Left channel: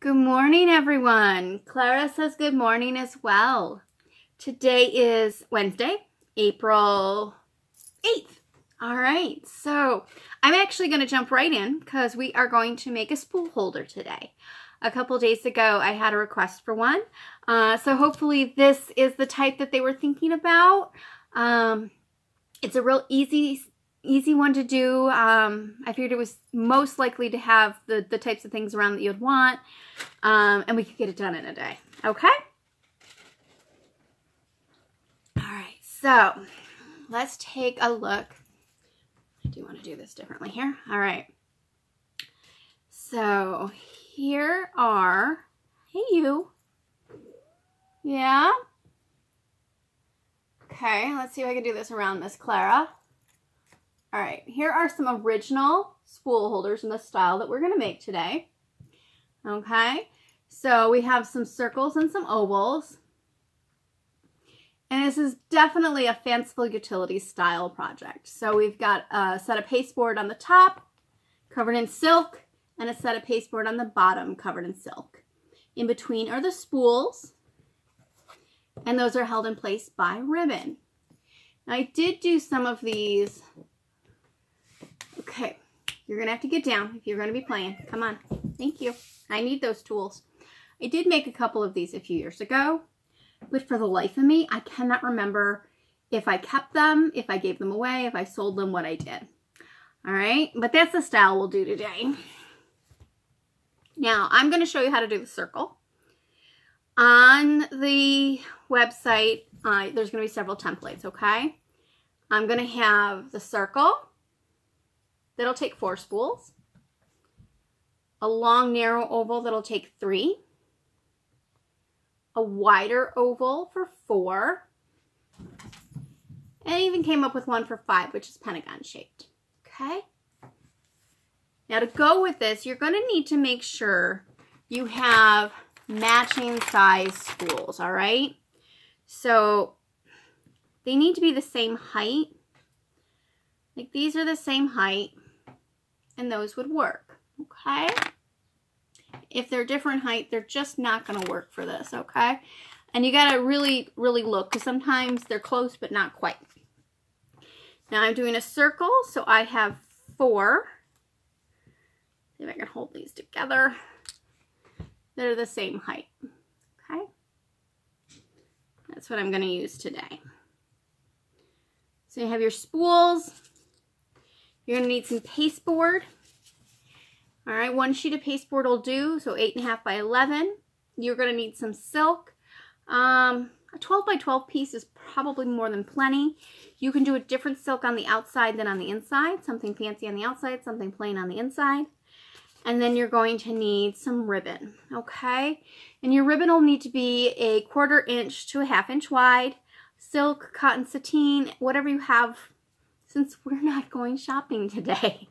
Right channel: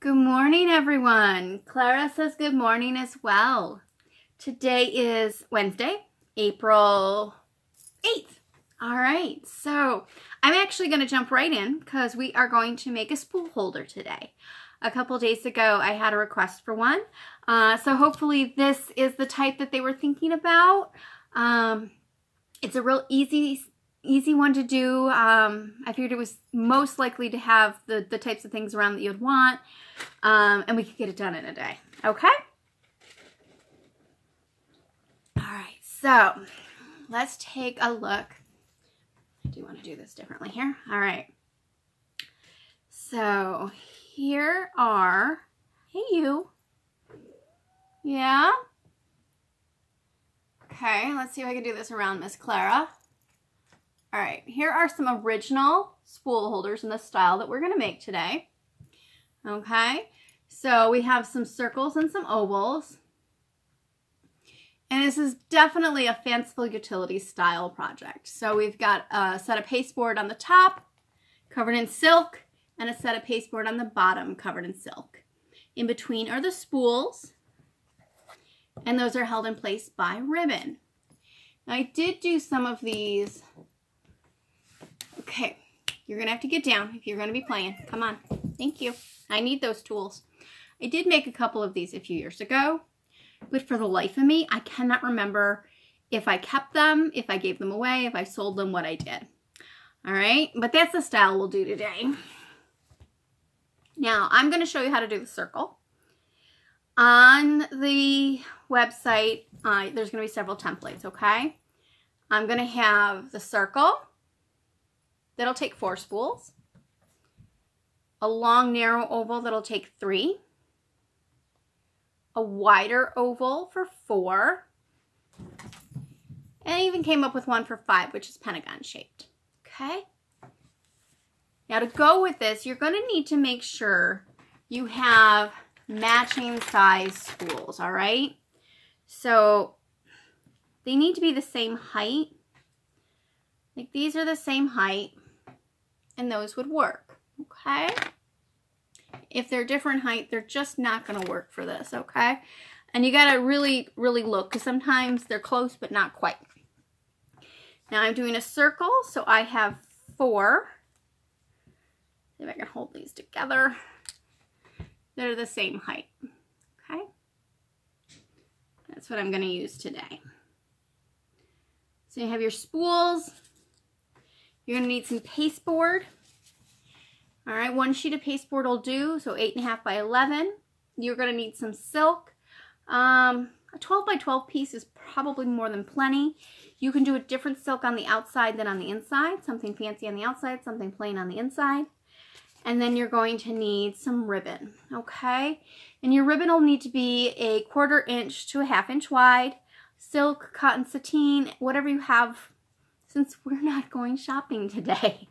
Good morning, everyone. Clara says good morning as well. Today is Wednesday, April 8th. All right, so I'm actually going to jump right in because we are going to make a spool holder today. A couple days ago, I had a request for one. So hopefully this is the type that they were thinking about. It's a real easy one to do. I figured it was most likely to have the types of things around that you would want. And we could get it done in a day. Okay? All right, so let's take a look. I do want to do this differently here. All right. So here are, hey you. Yeah? Okay, let's see if I can do this around Miss Clara. All right, here are some original spool holders in the style that we're going to make today. Okay, so we have some circles and some ovals. And this is definitely a fanciful utility style project. So we've got a set of pasteboard on the top, covered in silk, and a set of pasteboard on the bottom, covered in silk. In between are the spools, and those are held in place by ribbon. Now I did do some of these. Okay, you're gonna have to get down if you're gonna be playing. Come on, thank you. I need those tools. I did make a couple of these a few years ago, but for the life of me, I cannot remember if I kept them, if I gave them away, if I sold them, what I did. All right, but that's the style we'll do today. Now, I'm gonna show you how to do the circle. On the website, there's gonna be several templates, okay? I'm gonna have the circle. That'll take 4 spools. A long, narrow oval that'll take 3. A wider oval for 4. And I even came up with one for 5, which is pentagon shaped. Okay? Now to go with this, you're going to need to make sure you have matching size spools, all right? So they need to be the same height. Like these are the same height. And those would work, okay? If they're different height, they're just not gonna work for this, okay? And you gotta really, really look, because sometimes they're close, but not quite. Now I'm doing a circle, so I have 4. See if I can hold these together. They're the same height, okay? That's what I'm gonna use today. So you have your spools. You're going to need some pasteboard. All right, 1 sheet of pasteboard will do, so 8.5 by 11. You're going to need some silk. A 12 by 12 piece is probably more than plenty. You can do a different silk on the outside than on the inside. Something fancy on the outside, something plain on the inside. And then you're going to need some ribbon, okay? And your ribbon will need to be a 1/4 inch to a 1/2 inch wide. Silk, cotton, sateen, whatever you have, since we're not going shopping today,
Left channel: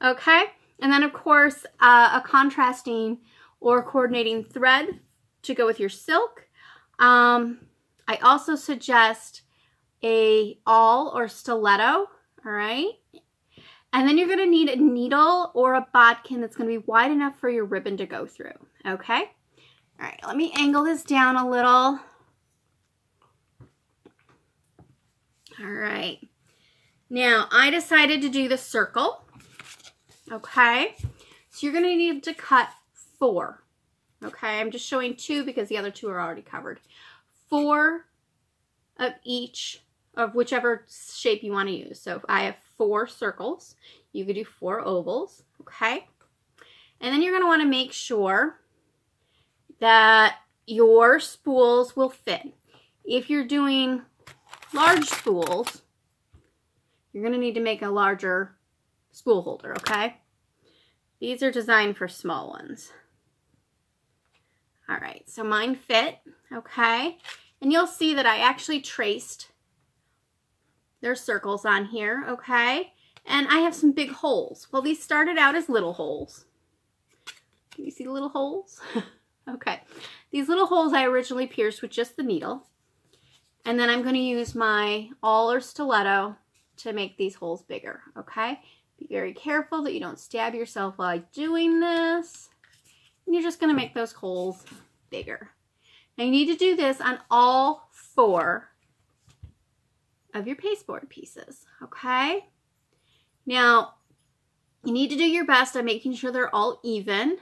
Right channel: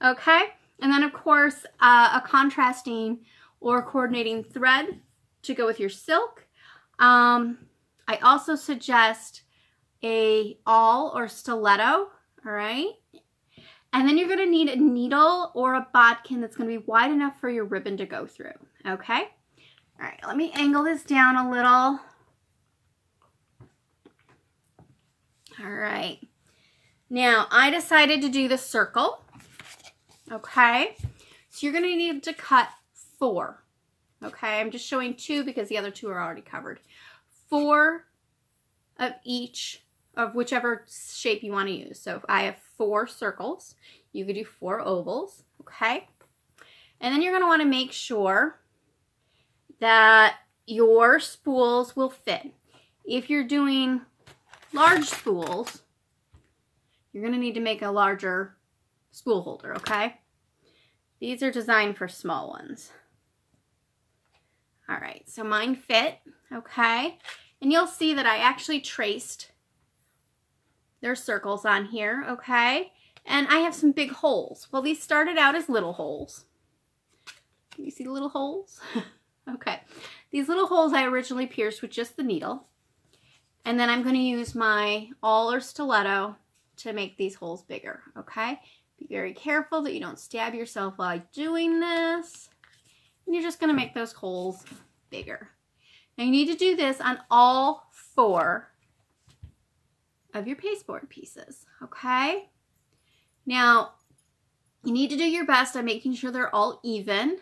okay? And then, of course, a contrasting or coordinating thread to go with your silk. I also suggest a awl or stiletto, all right? And then you're going to need a needle or a bodkin that's going to be wide enough for your ribbon to go through, okay? All right, let me angle this down a little. All right. Now, I decided to do the circle, okay? So you're going to need to cut 4, okay? I'm just showing 2 because the other 2 are already covered. 4 of each of whichever shape you want to use. So if I have 4 circles, you could do 4 ovals, okay? And then you're going to want to make sure that your spools will fit. If you're doing large spools, you're going to need to make a larger spool holder, okay? These are designed for small ones. All right, so mine fit, okay? And you'll see that I actually traced their circles on here, okay? And I have some big holes. Well, these started out as little holes. Can you see the little holes? Okay. These little holes I originally pierced with just the needle. And then I'm going to use my awl or stiletto to make these holes bigger, okay? Be very careful that you don't stab yourself while doing this. And you're just going to make those holes bigger. Now you need to do this on all 4 of your pasteboard pieces, okay? Now, you need to do your best on making sure they're all even,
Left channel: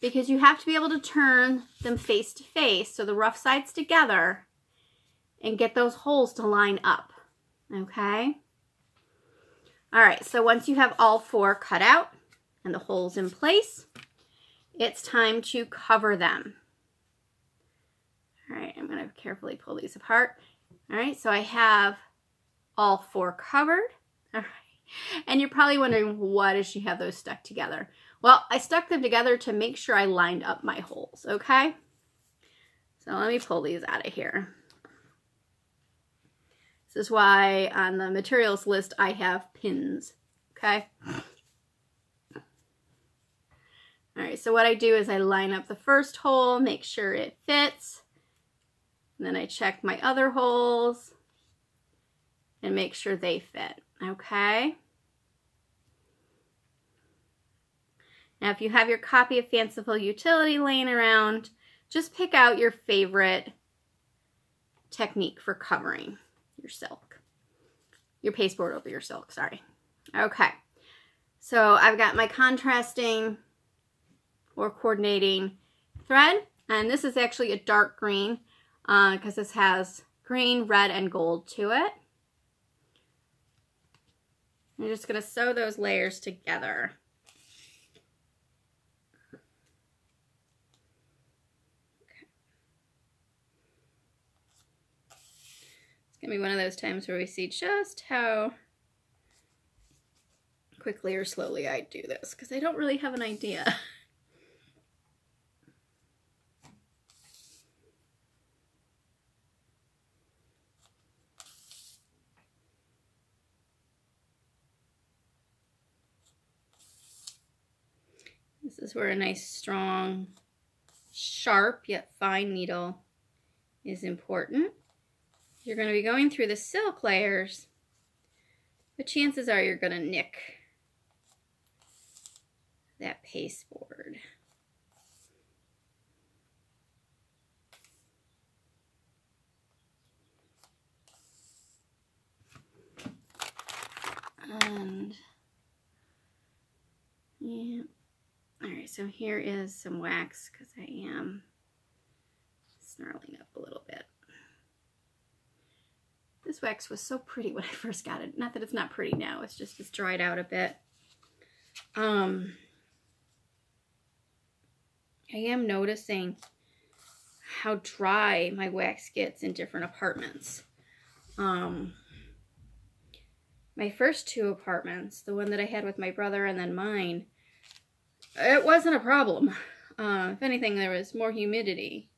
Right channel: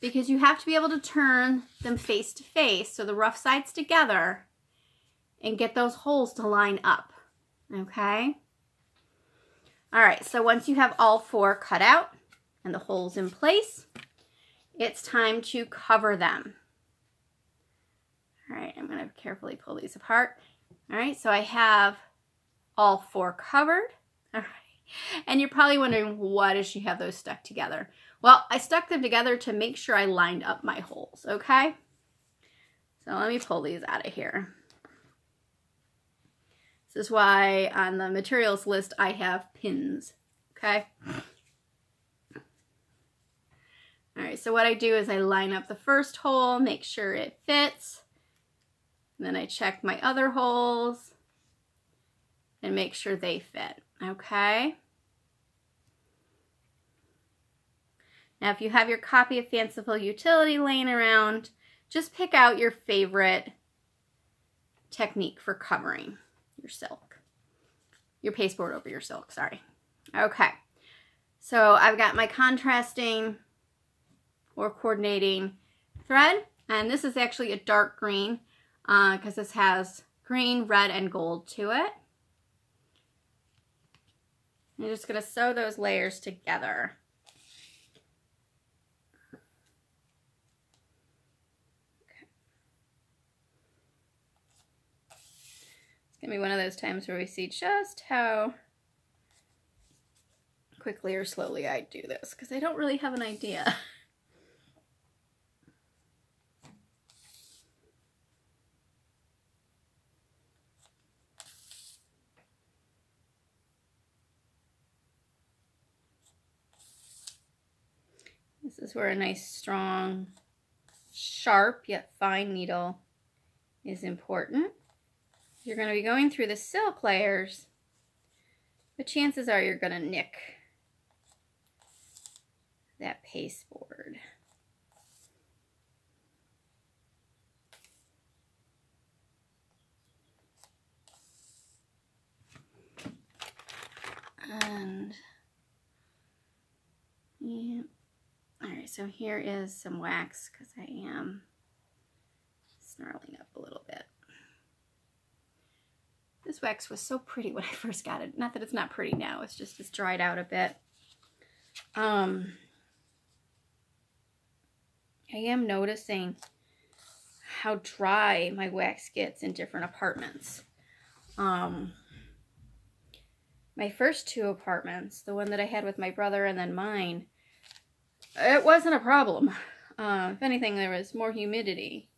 because you have to be able to turn them face to face, so the rough sides together, and get those holes to line up, okay? All right, so once you have all 4 cut out and the holes in place, it's time to cover them. All right, I'm gonna carefully pull these apart. All right, so I have all 4 covered. All right, and you're probably wondering, why does she have those stuck together? Well, I stuck them together to make sure I lined up my holes, okay? So let me pull these out of here. This is why on the materials list I have pins, okay? All right, so what I do is I line up the first hole, make sure it fits, and then I check my other holes and make sure they fit, okay? Now, if you have your copy of Fanciful Utility laying around, just pick out your favorite technique for covering your silk, your pasteboard over your silk, sorry. Okay, so I've got my contrasting or coordinating thread, and this is actually a dark green because this has green, red, and gold to it. I'm just going to sew those layers together. It's going to be one of those times where we see just how quickly or slowly I do this, because I don't really have an idea. This is where a nice, strong, sharp, yet fine needle is important. You're going to be going through the silk layers, but chances are you're going to nick that pasteboard. And, yeah. Alright, so here is some wax because I am snarling up a little bit. This wax was so pretty when I first got it. Not that it's not pretty now, it's just it's dried out a bit. I am noticing how dry my wax gets in different apartments. My first 2 apartments, the one that I had with my brother and then mine, it wasn't a problem. If anything, there was more humidity.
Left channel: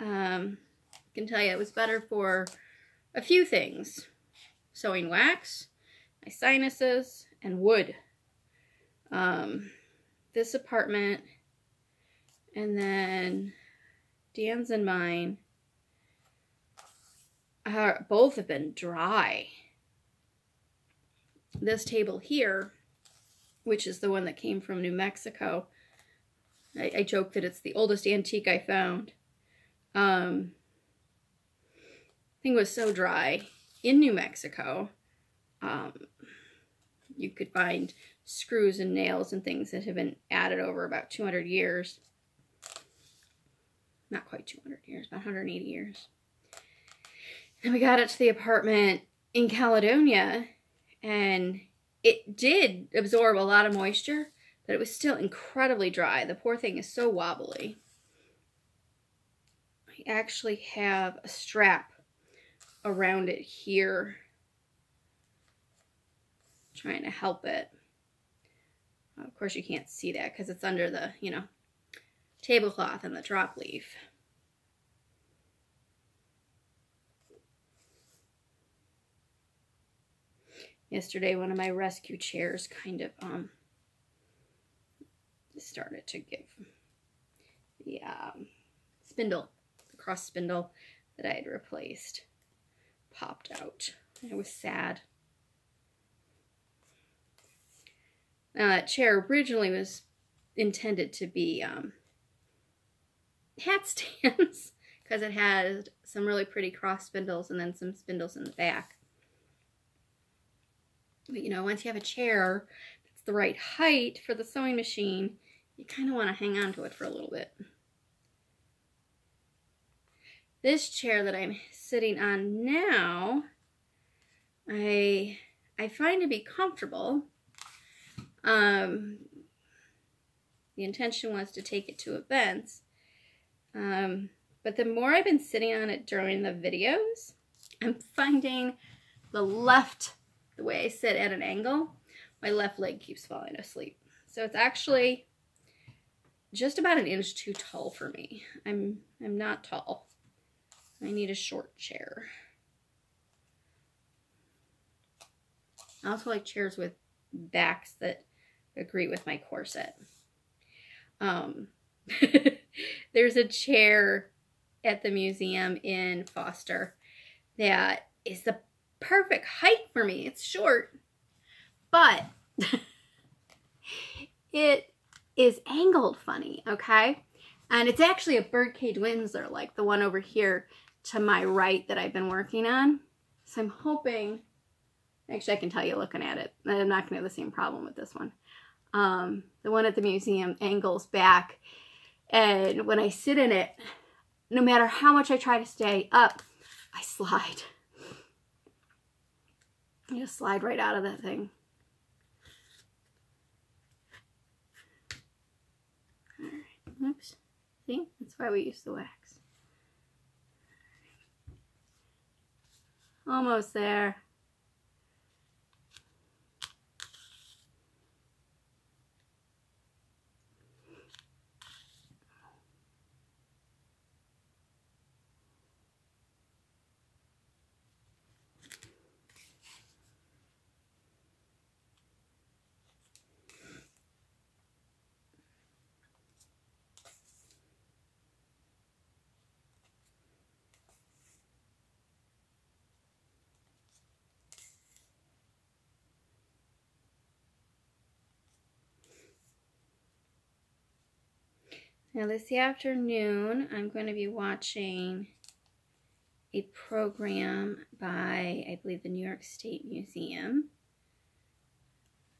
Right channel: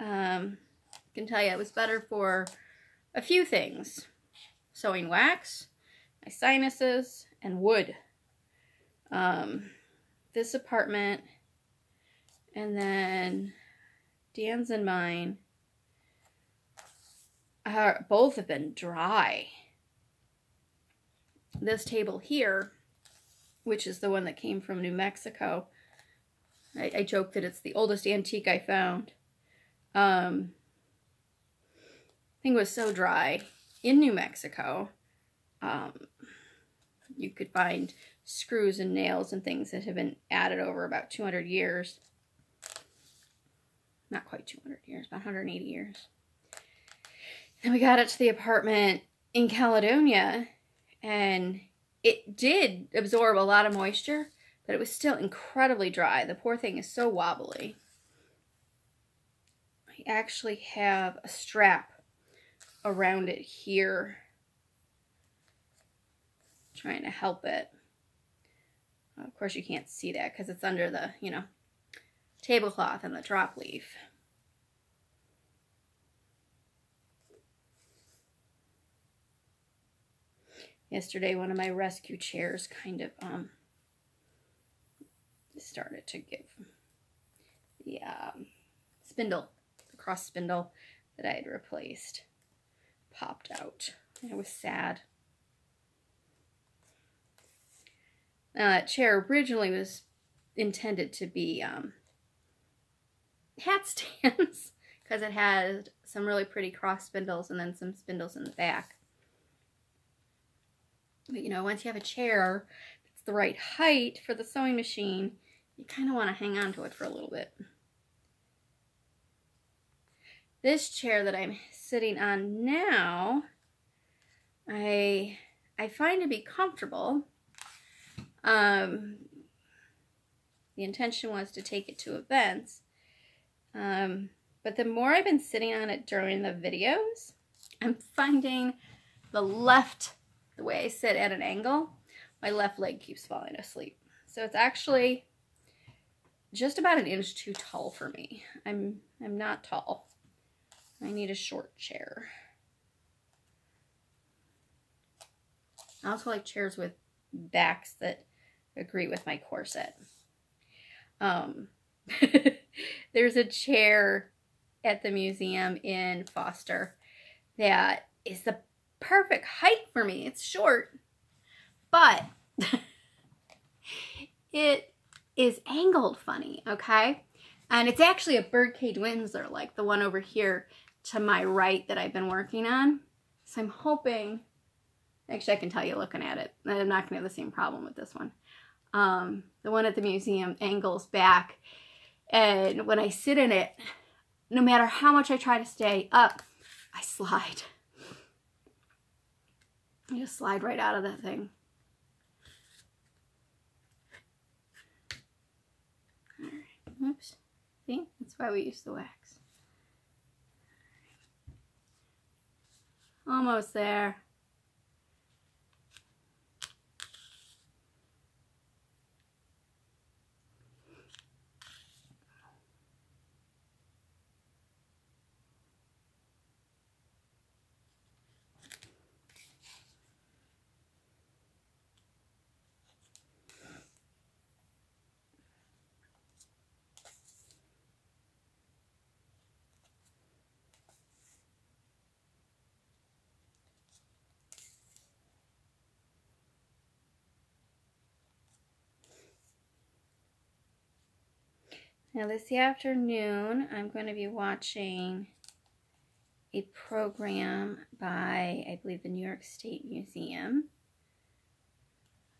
I can tell you it was better for a few things. Sewing wax, my sinuses, and wood. This apartment, and then Dan's and mine, both have been dry. This table here, which is the one that came from New Mexico. I joke that it's the oldest antique I found. Thing was so dry in New Mexico. You could find screws and nails and things that have been added over about 200 years. Not quite 200 years, about 180 years. And we got it to the apartment in Caledonia, and it did absorb a lot of moisture, but it was still incredibly dry. The poor thing is so wobbly. I actually have a strap around it here, trying to help it. Of course, you can't see that because it's under the, tablecloth and the drop leaf. Yesterday, one of my rescue chairs kind of started to give the spindle, the cross spindle that I had replaced, popped out. I was sad. Now that chair originally was intended to be hat stands because it has some really pretty cross spindles and then some spindles in the back. But you know, once you have a chair that's the right height for the sewing machine, you kind of want to hang on to it for a little bit. This chair that I'm sitting on now, I find to be comfortable. The intention was to take it to events. But the more I've been sitting on it during the videos, I'm finding the way I sit at an angle, my left leg keeps falling asleep. So it's actually just about an inch too tall for me. I'm not tall. I need a short chair. I also like chairs with backs that agree with my corset. There's a chair at the museum in Foster that is the perfect height for me. It's short, but it is angled funny, okay? And it's actually a birdcage Windsor, like the one over here to my right that I've been working on. So I'm hoping, actually I can tell you looking at it, that I'm not going to have the same problem with this one. The one at the museum angles back, and when I sit in it, no matter how much I try to stay up, I slide. I just slide right out of that thing. All right. Oops. See? That's why we use the wax. Almost there. Now this afternoon, I'm going to be watching a program by, I believe, the New York State Museum.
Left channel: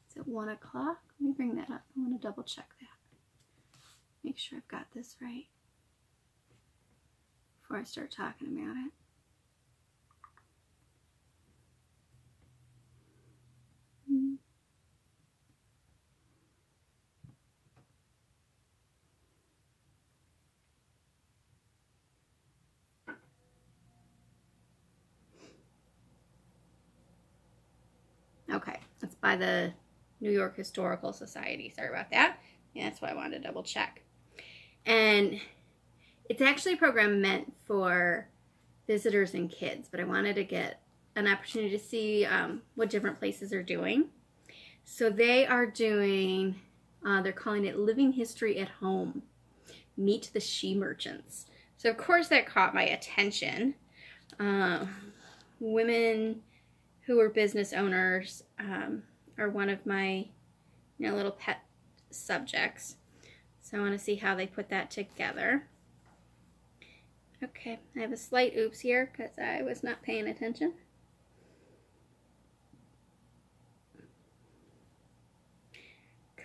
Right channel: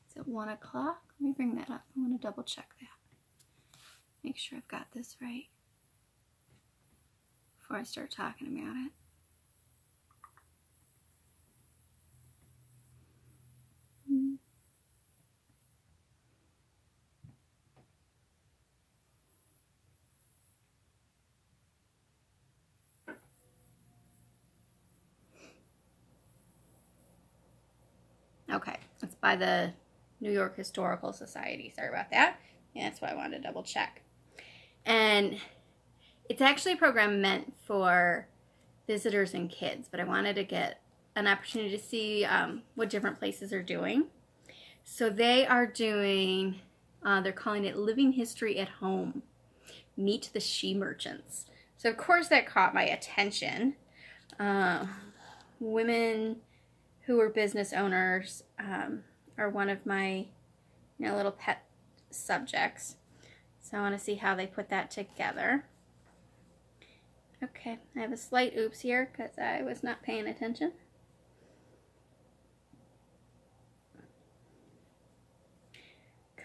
It's at 1 o'clock. Let me bring that up. I want to double check that. Make sure I've got this right before I start talking about it. Okay, it's by the New York Historical Society. Sorry about that. Yeah, that's why I wanted to double check. And it's actually a program meant for visitors and kids, but I wanted to get an opportunity to see what different places are doing. So they are doing, they're calling it Living History at Home. Meet the She Merchants. So of course that caught my attention. Women who are business owners are one of my little pet subjects. So I want to see how they put that together. Okay, I have a slight oops here because I was not paying attention.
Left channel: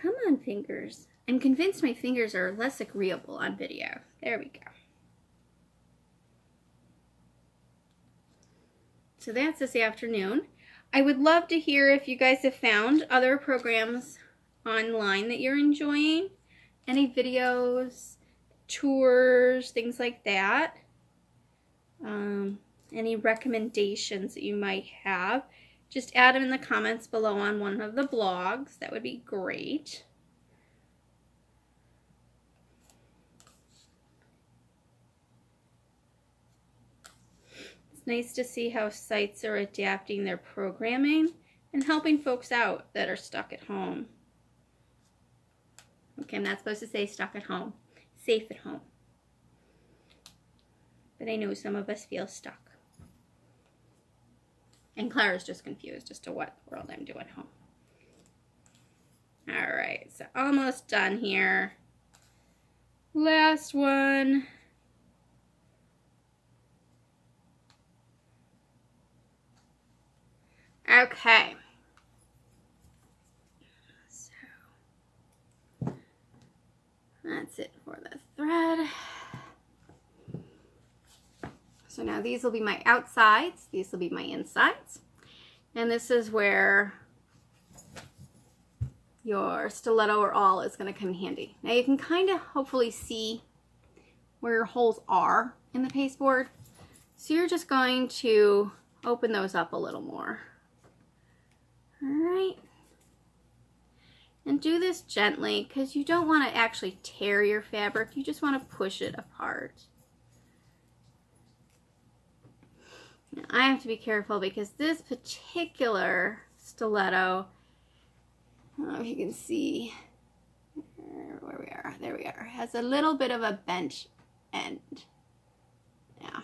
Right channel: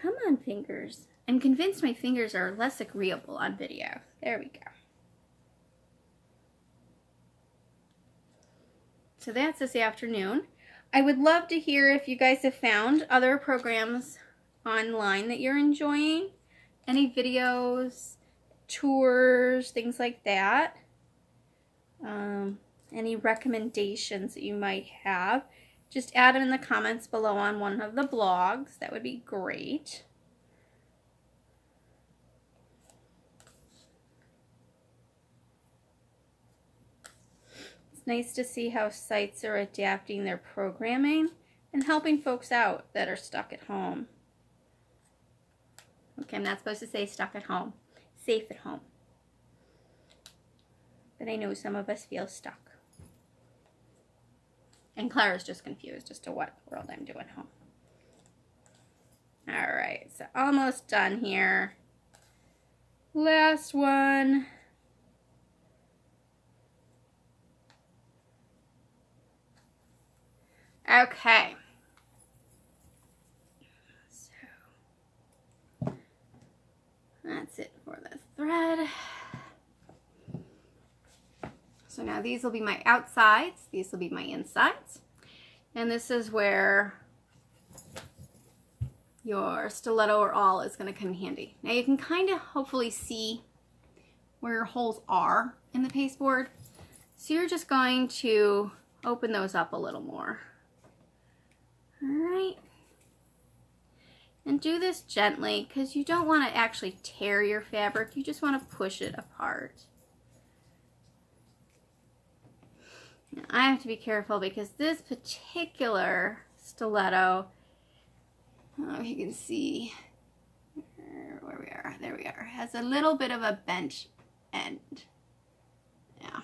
Come on, fingers. I'm convinced my fingers are less agreeable on video. There we go. So that's this afternoon. I would love to hear if you guys have found other programs online that you're enjoying. Any videos, tours, things like that. Any recommendations that you might have. Just add them in the comments below on one of the blogs. That would be great. It's nice to see how sites are adapting their programming and helping folks out that are stuck at home. Okay, I'm not supposed to say stuck at home. Safe at home. But I know some of us feel stuck. And Clara's just confused as to what world I'm doing home. All right, so almost done here. Last one. Okay. So that's it for the thread. So now these will be my outsides, these will be my insides, and this is where your stiletto or awl is going to come in handy. Now you can kind of hopefully see where your holes are in the pasteboard, so you're just going to open those up a little more. All right, and do this gently because you don't want to actually tear your fabric, you just want to push it apart. Now, I have to be careful because this particular stiletto, I don't know if you can see where we are, there we are, has a little bit of a bench end. Yeah.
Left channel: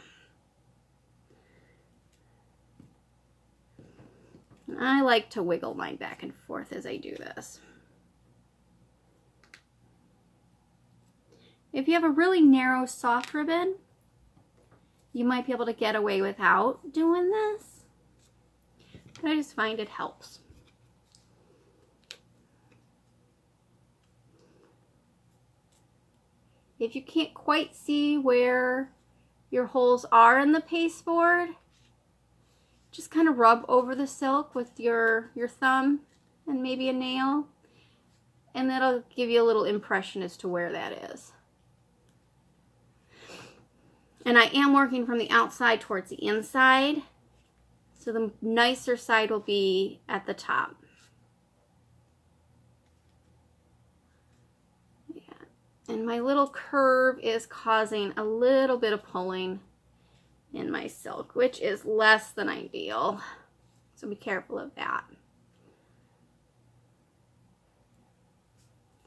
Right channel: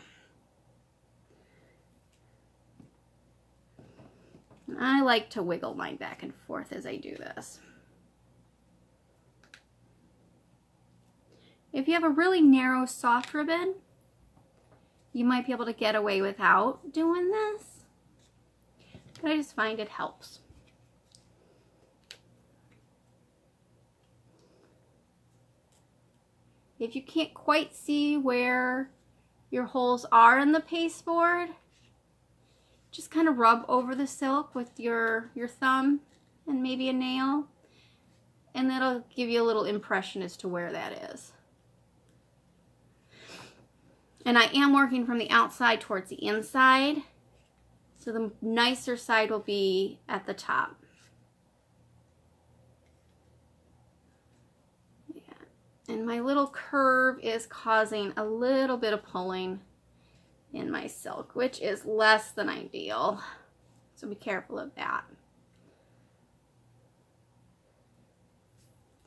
And I like to wiggle mine back and forth as I do this. If you have a really narrow soft ribbon, you might be able to get away without doing this, but I just find it helps. If you can't quite see where your holes are in the pasteboard, just kind of rub over the silk with your thumb and maybe a nail, and that'll give you a little impression as to where that is. And I am working from the outside towards the inside, so the nicer side will be at the top. Yeah. And my little curve is causing a little bit of pulling in my silk, which is less than ideal, so be careful of that.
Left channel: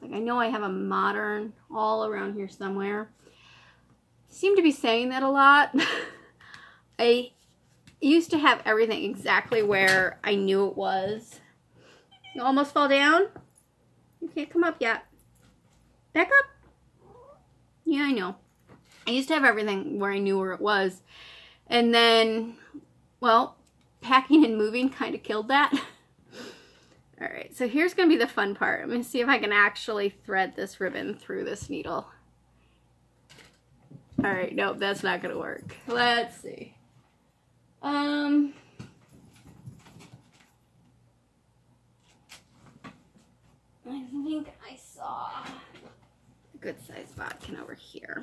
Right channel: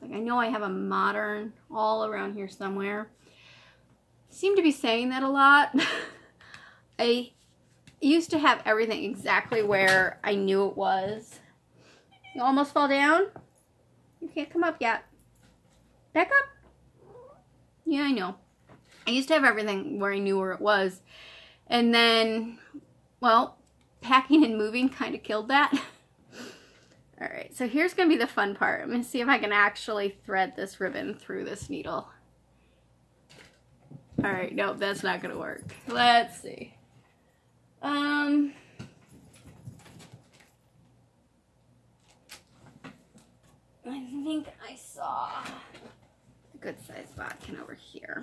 Like, I know I have a modern all around here somewhere. Seem to be saying that a lot. I used to have everything exactly where I knew it was. You almost fall down? You can't come up yet. Back up. Yeah, I know. I used to have everything where I knew where it was. And then, well, packing and moving kind of killed that. Alright, so here's going to be the fun part. I'm going to see if I can actually thread this ribbon through this needle. Alright, nope, that's not going to work. Let's see. I think I saw a good sized bodkin over here.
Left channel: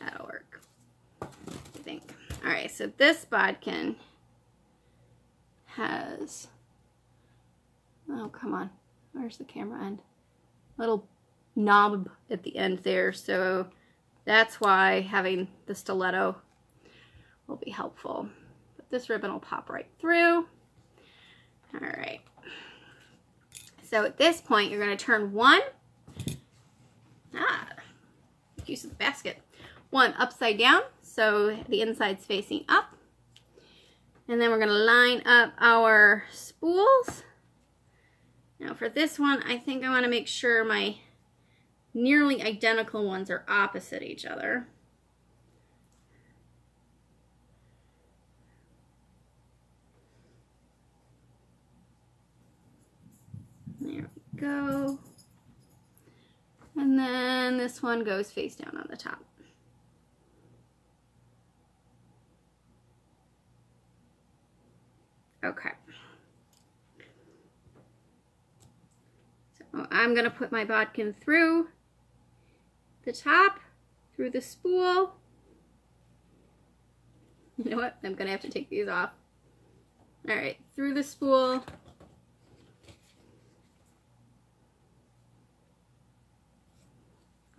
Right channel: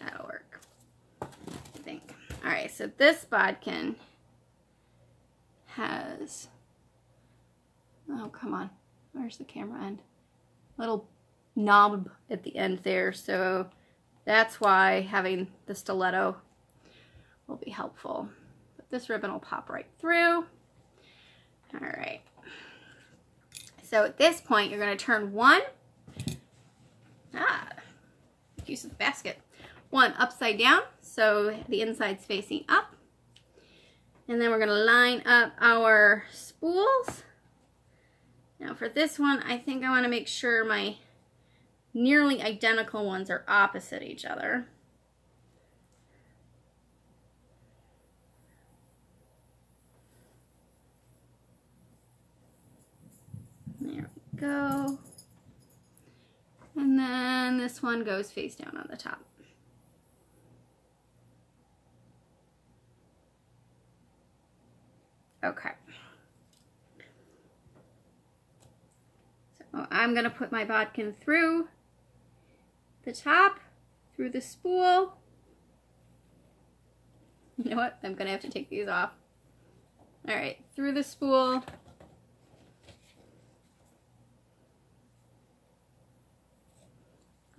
That'll work, I think. Alright, so this bodkin has, oh come on, where's the camera end? Little knob at the end there, so that's why having the stiletto will be helpful. But this ribbon will pop right through. Alright, so at this point you're going to turn one, use of the basket, one upside down so the inside's facing up, and then we're going to line up our spools. Now for this one, I think I want to make sure my nearly identical ones are opposite each other. There we go. And then this one goes face down on the top. Okay. So I'm going to put my bodkin through the top, through the spool. You know what? I'm going to have to take these off. Alright, through the spool.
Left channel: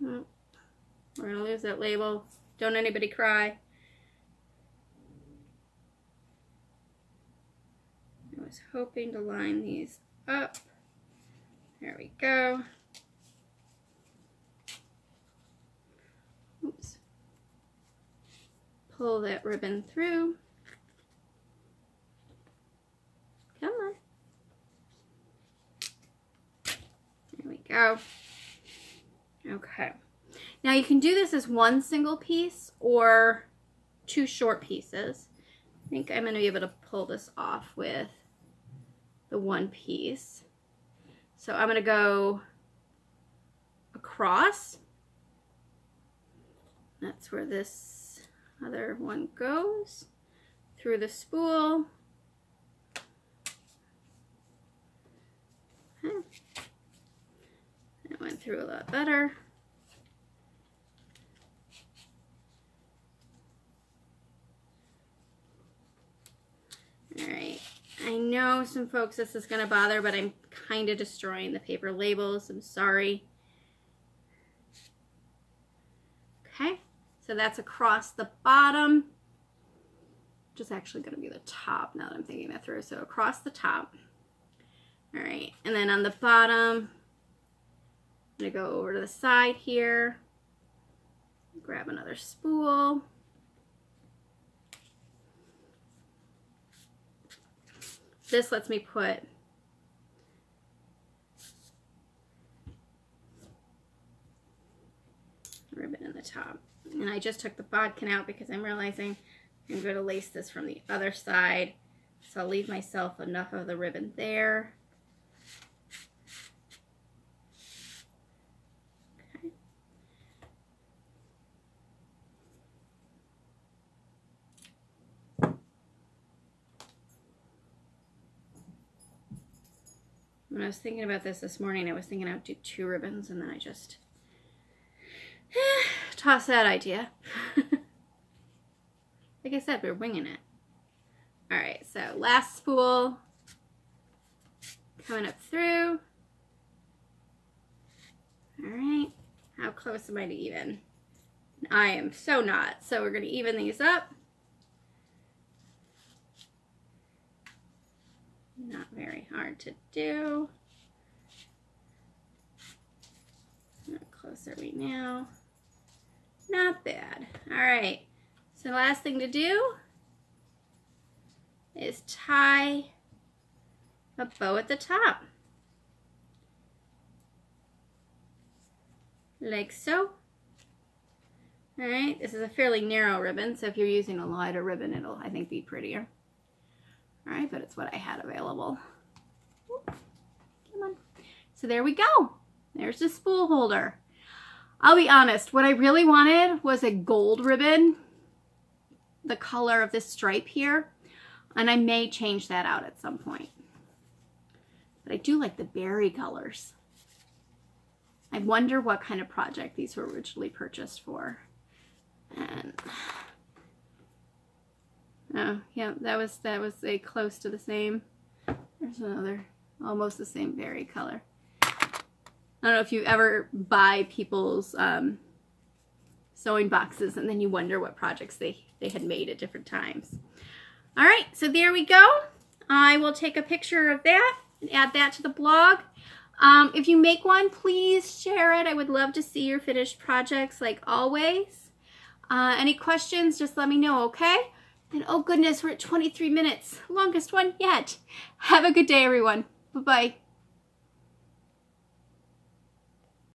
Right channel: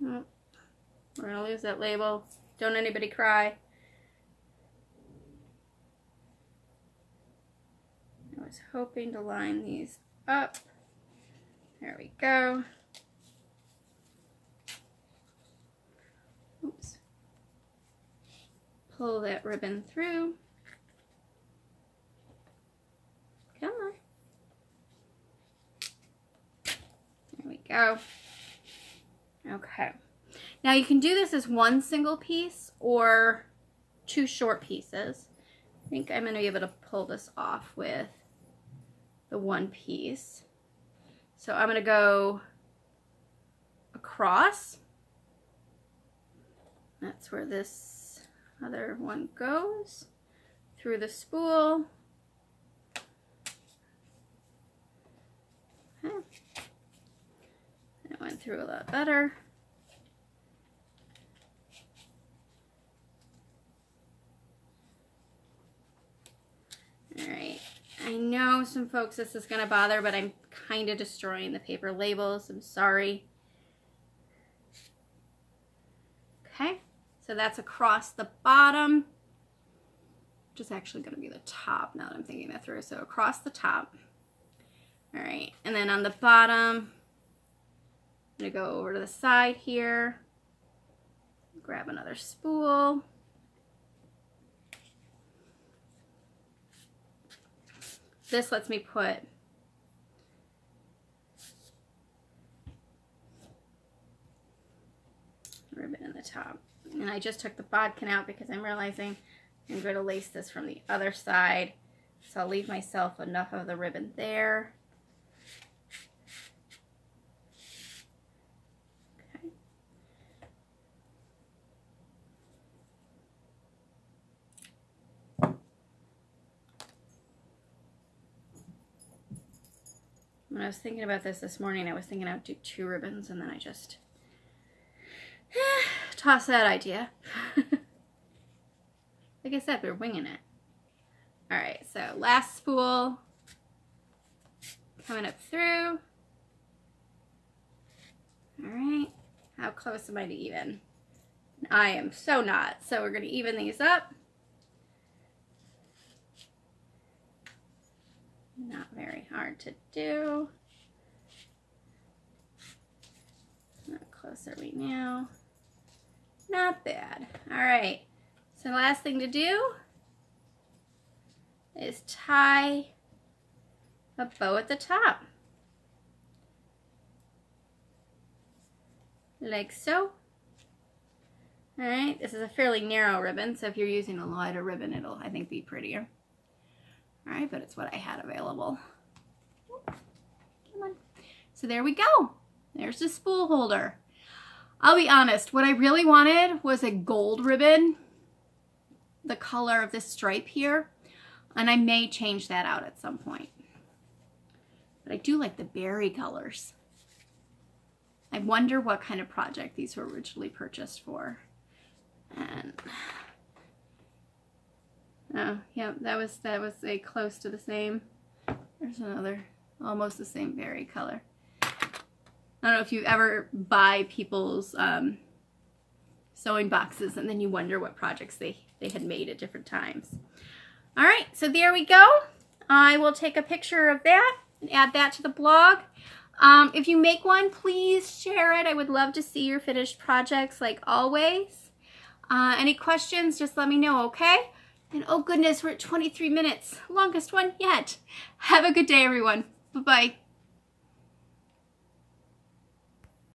Oh, we're going to lose that label. Don't anybody cry. I was hoping to line these up. There we go. Oops. Pull that ribbon through. Come on. There we go. Okay. Now you can do this as one single piece or 2 short pieces. I think I'm going to be able to pull this off with the one piece. So I'm going to go across. That's where this other one goes. Through the spool. Okay. It went through a lot better. All right, I know some folks this is going to bother, but I'm kind of destroying the paper labels. I'm sorry. Okay, so that's across the bottom, which is actually going to be the top now that I'm thinking that through. So across the top. All right, and then on the bottom, I'm going to go over to the side here, grab another spool. This lets me put ribbon in the top. And I just took the bodkin out because I'm realizing I'm going to lace this from the other side. So I'll leave myself enough of the ribbon there. Okay. When I was thinking about this morning, I was thinking I would do 2 ribbons, and then I just tossed that idea. Like I said, we're winging it. All right, so last spool coming up through. All right, how close am I to even? I am so not. So we're going to even these up. Not very hard to do. How close are we now? Not bad. All right. So the last thing to do is tie a bow at the top. Like so. All right. This is a fairly narrow ribbon, so if you're using a lighter ribbon, it'll, I think, be prettier. All right, but it's what I had available. Come on. So there we go. There's the spool holder. I'll be honest, what I really wanted was a gold ribbon, the color of this stripe here, and I may change that out at some point. But I do like the berry colors. I wonder what kind of project these were originally purchased for. And oh, yeah, that was a close to the same. There's another, almost the same berry color. I don't know if you ever buy people's sewing boxes and then you wonder what projects they had made at different times. All right, so there we go. I will take a picture of that and add that to the blog. If you make one, please share it. I would love to see your finished projects like always. Any questions, just let me know, okay? And oh goodness, we're at 23 minutes. Longest one yet. Have a good day, everyone. Bye-bye.